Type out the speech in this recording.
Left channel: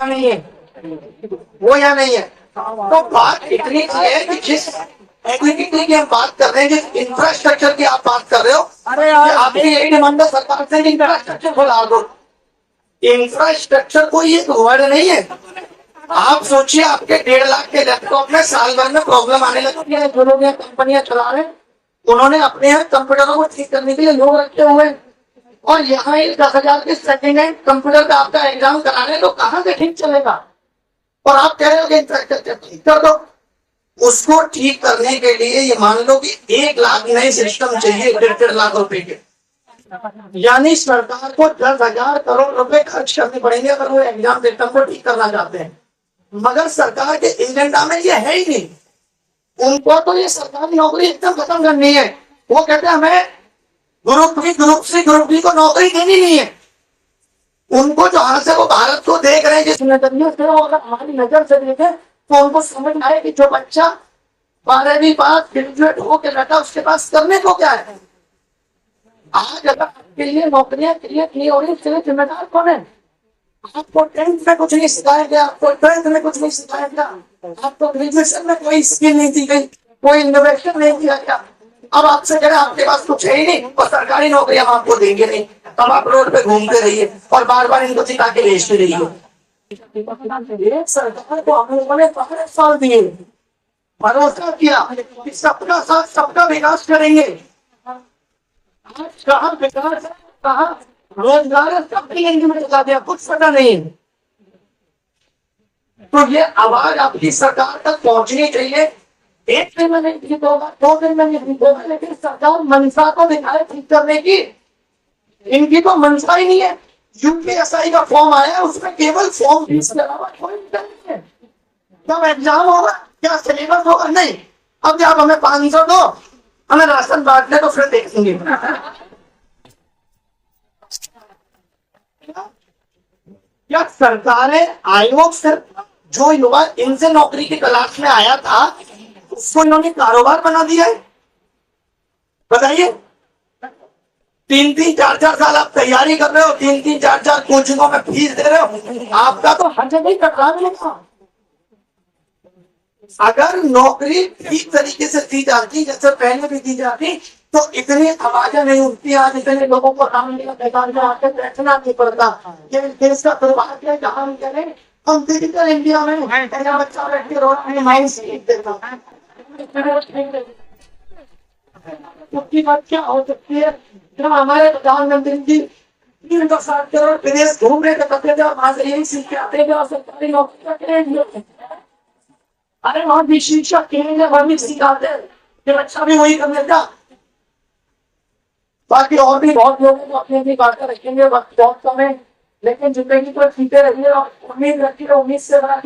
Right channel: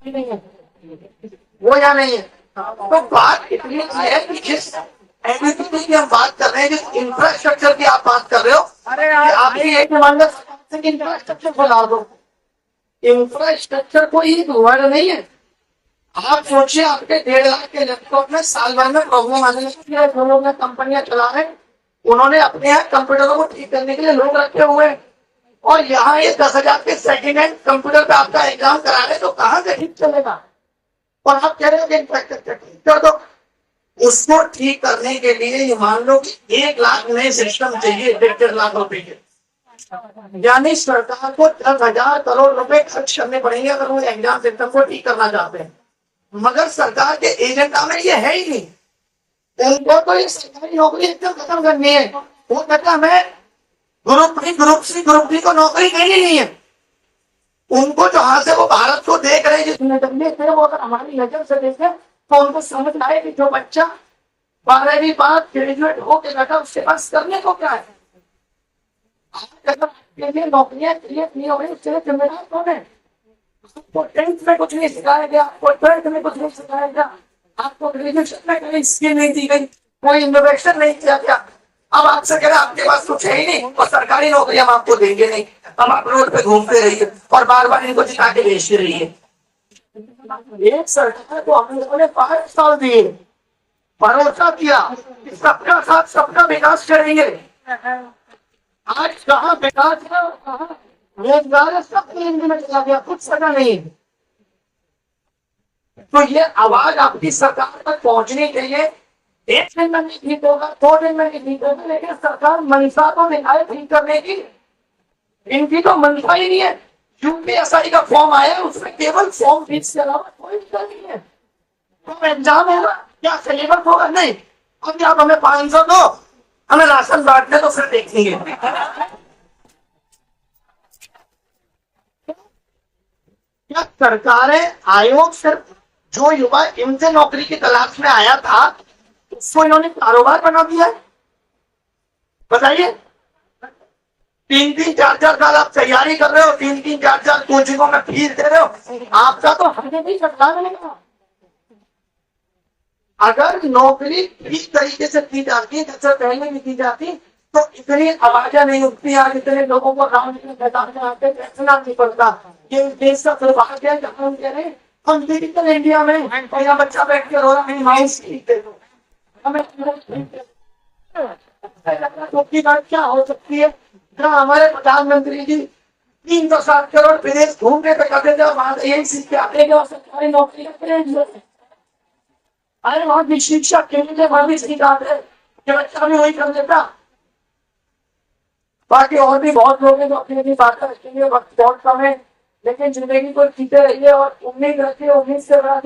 नहीं है वो, या नहीं है। तो बात इतनी सी है कि जिस एग्रीकल्चर की हम बात कर रहे हैं, जिस इंफ्रास्ट्रक्चर की आप बात कर रहे हो, कि आपकी यही डिमांड है सरकार से इंफ्रास्ट्रक्चर खुला दो। इंफ्रास्ट्रक्चर कोई एक वर्ड नहीं है। आप सोचिए, आपके 1.5 लाख के लैपटॉप में साल भर में प्रॉब्लम आने लगती है। जो लोग यहाँ कंपनियां चला रहे हैं, उन्होंने अपने यहाँ कंप्यूटरों को ठीक करने के लिए लोग रखे हुए हैं, और यहाँ ये 10,000 के सेकेंड हैंड कंप्यूटर पे आपका एग्जाम करा रहे हैं, तो कहाँ से ठीक चलेगा। और आप कह रहे हो कि इंफ्रास्ट्रक्चर ठीक कर दो। उसको ठीक करने के लिए ये मान लो कि 1 लाख नए सिस्टम चाहिए, 1.5 लाख रुपए के। यानी सरकार को 10,000 करोड़ रुपए खर्च करने पड़ेंगे अगर वो एग्जाम सिस्टम को ठीक करना चाहते हैं। मगर सरकार के एजेंडा में ये है ही नहीं। उनको तो ये सरकारी नौकरी एकदम खत्म करनी है। वो कहते हैं हमें group B, group C, group D को नौकरी देनी नहीं है। उनको जहां से वो भारत को देख रहे हैं, जिस नजरिए से, वो अगर हमारी नजर से देखें तो उनको समझ आए कि जो बच्चा 12वीं पास ग्रेजुएट होकर बैठा, उसके पास करने को क्या है। आज अगर आपके लिए नौकरियां क्रिएट नहीं हो रही, उसके लिए जिम्मेदार कौन है। आपको 10th में कुछ नहीं सिखाया गया, आपको 12th में कुछ नहीं सिखाया गया, आपको ग्रेजुएशन में कोई स्किल नहीं दी गई, कोई इनोवेशन नहीं किया गया। अब आपसे कह रहे आपके पास कुछ है ही नहीं और सरकारी नौकरी हम आपको देंगे नहीं, तब आप रोड पे घूमते रहिए और बार बार इनको जिता के भेजते रहिए। एक सरकार को हम लोगों ने 5 साल दिए, भरोसा किया कि सबका साथ सबका विकास करेंगे। आज कहाँ विकास है और कहाँ रोजगार है, सबकी जिंदगी में चला गया, कुछ पता नहीं। तो ये आवाज आपकी सरकार तक पहुंचनी चाहिए। 1 दिन में नहीं ठीक होगा, 2 दिन में नहीं ठीक होगा, लेकिन सरकार मनसा तो दिखाए ठीक करने की। इनकी तो मनसा ही नहीं है। यूपीएसआई का फॉर्म आया है, उसमें केवल फॉर्म फीस के अलावा कोई नहीं है। कब एग्जाम होगा, क्या सिलेबस होगा, नहीं। अब आप हमें 500 दो, हमें राशन बांटने तो फिर देखेंगे। क्या सरकारें, आयोग सिर्फ जो युवा इनसे नौकरी की तलाश में आया था, उसको इन्होंने कारोबार बना दिया है। बताइए, 3-3, 4-4 साल आप तैयारी कर रहे हो, 3-3, 4-4 कोचिंगों में फीस दे रहे हो, आपका तो हर जगह ही कटरा मिलेगा। अगर नौकरी ठीक तरीके से दी जाती, जैसे पहले भी दी जाती, तो इतनी आवाजें नहीं उठती। आज इतने लोगों को मैदान में आके बैठना नहीं पड़ता। ये देश का दुर्भाग्य है, जहाँ हम कह रहे हैं हम डिजिटल इंडिया में, यहाँ बच्चा बैठ के रो रहा है, माउस ठीक देता हमें की बात क्या हो सकती है। जहाँ हमारे प्रधानमंत्री जी 360 करोड़ विदेश घूमने तो करते थे, और वहां से यही सीख के आते थे और सरकारी नौकरी का क्रेडिट लेते। अरे वहां भी शिक्षक केंद्र, वहां भी सिखाते कि बच्चा भी वही कर लेता। बाकी और भी बहुत लोग हैं जो अपनी अपनी बातें रखेंगे, वक्त बहुत कम है, लेकिन जिंदगी को जीते रहिए और उम्मीद रखिए, उम्मीद से बड़ा